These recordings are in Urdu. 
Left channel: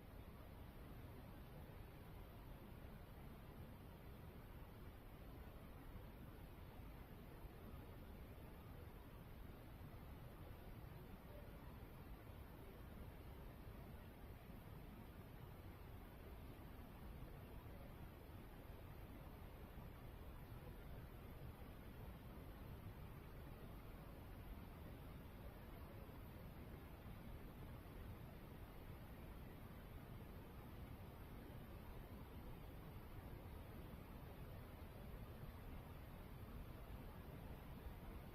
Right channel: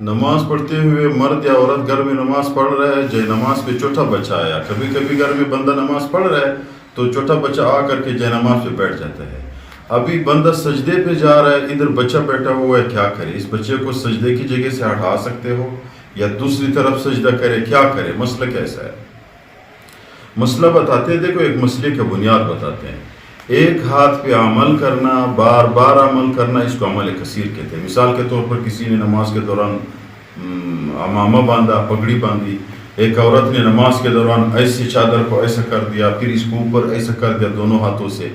نماز پڑھتے ہوئے مرد یا عورت گھر میں نماز پڑھ رہا ہے، جے نماز پہ چھوٹا بچہ آیا. کبھی کبھی گھر میں بندہ نماز پڑھ رہا ہے تو چھوٹا بچہ آ کر کے جے نماز پہ بیٹھ جاتا ہے. ابھی بندہ سجدے پہ جا رہا ہے، ادھر بچہ بیٹھا ہوا ہے، کیا کرے؟ اس بچے کو سجدے کی جگہ سے ہٹا سکتے ہو یا دوسری طرف سجدہ کرے؟ کیا کرے؟ مسئلہ کیسا ہے؟ مسئلہ بتاتے ہیں. دیکھو، ایک مسئلے کا بنیاد بتاتے ہیں. ایک ہاتھ پہ عمل کرنا، بار بار عمل کرنا، اس کو عمل کثیر کہتے ہیں. مثال کے طور پر کسی نے نماز کے دوران امامہ باندھا، پگڑی باندھی. ایک عورت نے نماز کے دوران ایسے چادر کو ایسا کر دیا، پھر اس کو اوپر ایسا کر دیا دونوں ہاتھوں سے.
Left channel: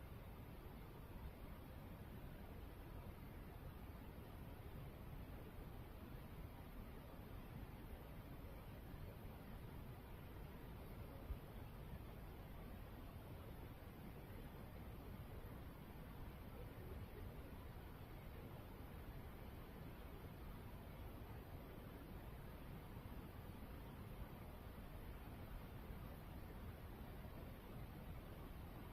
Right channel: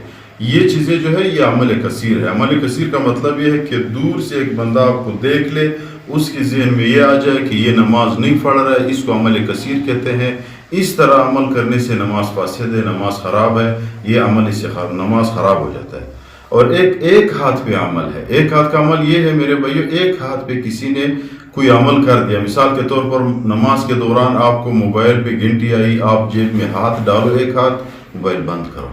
یہ چیزیں جو ہے یہ عمل کثیر ہے. عمل کثیر کا مطلب یہ ہے کہ دور سے ایک بندہ آپ کو دیکھ لے، اس کے ذہن میں یہ آ جائے کہ یہ نماز نہیں پڑھ رہا ہے، اس کو عمل کثیر کہتے ہیں. اس طرح عمل کرنے سے نماز فاسد ہے، نماز خراب ہے. یہ عمل اس سے نماز خراب ہو جاتا ہے. اور ایک ہاتھ پہ عمل ہے. ایک ہاتھ کا عمل یہ ہے میرے بھائیو، ایک ہاتھ پہ کسی نے کوئی عمل کر دیا. مثال کے طور پر نماز کے دوران آپ کو موبائل پہ گھنٹی آئی، آپ جیب میں ہاتھ ڈالو، ایک ہاتھ موبائل بند کرو.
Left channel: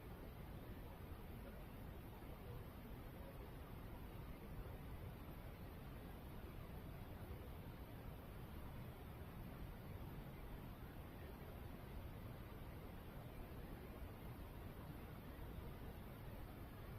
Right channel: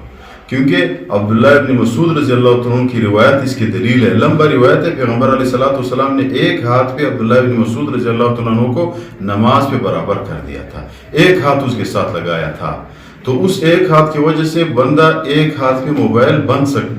کیونکہ عبداللہ ابن مسعود رضی اللہ عنہ کی روایت اس کی دلیل ہے. لمبا روایت ہے. پیغمبر علیہ السلام نے ایک ہاتھ پہ عبداللہ ابن مسعود رضی اللہ عنہ کو نماز پہ برابر کر دیا تھا. ایک ہاتھ اس کے ساتھ لگایا تھا. تو اس ایک ہاتھ کی وجہ سے بندہ ایک ہاتھ پہ موبائل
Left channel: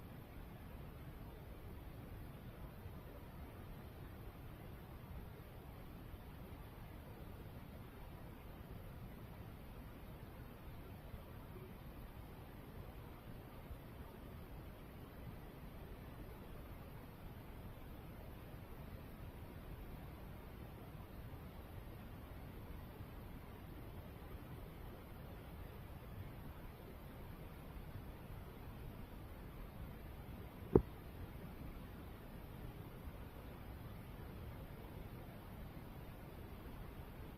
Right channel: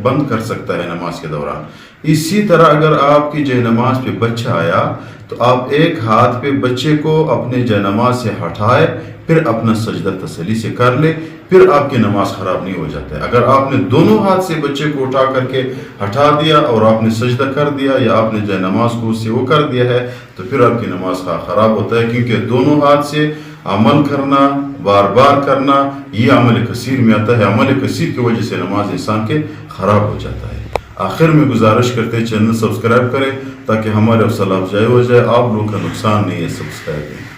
بند کر سکتا ہے نماز کے دوران. اسی طرح اگر آپ کی جے نماز پہ بچہ آیا تو آپ ایک ہاتھ پہ بچے کو اپنے جے نماز سے ہٹائے، پھر اپنا سجدہ تسلی سے کر لے، پھر آپ کی نماز خراب نہیں ہو جاتا ہے. اگر آپ نے دونوں ہاتھ سے بچے کو اٹھا کر کے ہٹا دیا اور آپ نے سجدہ کر دیا یا آپ نے جے نماز کو اس سے وہ کر دیا ہے تو پھر آپ کی نماز خراب ہوتا ہے. کیونکہ دونوں ہاتھ سے عمل کرنا، بار بار کرنا، یہ عمل کثیر میں آتا ہے. عمل کثیر کی وجہ سے نماز انسان کے خراب ہو جاتا ہے. آخر میں گزارش کرتے ہیں چینل سبسکرائب کریں تاکہ ہمارے حوصلہ افزائی ہو جائے. آپ لوگوں کا نقصان نہیں ہے. سبسکرائب کریں.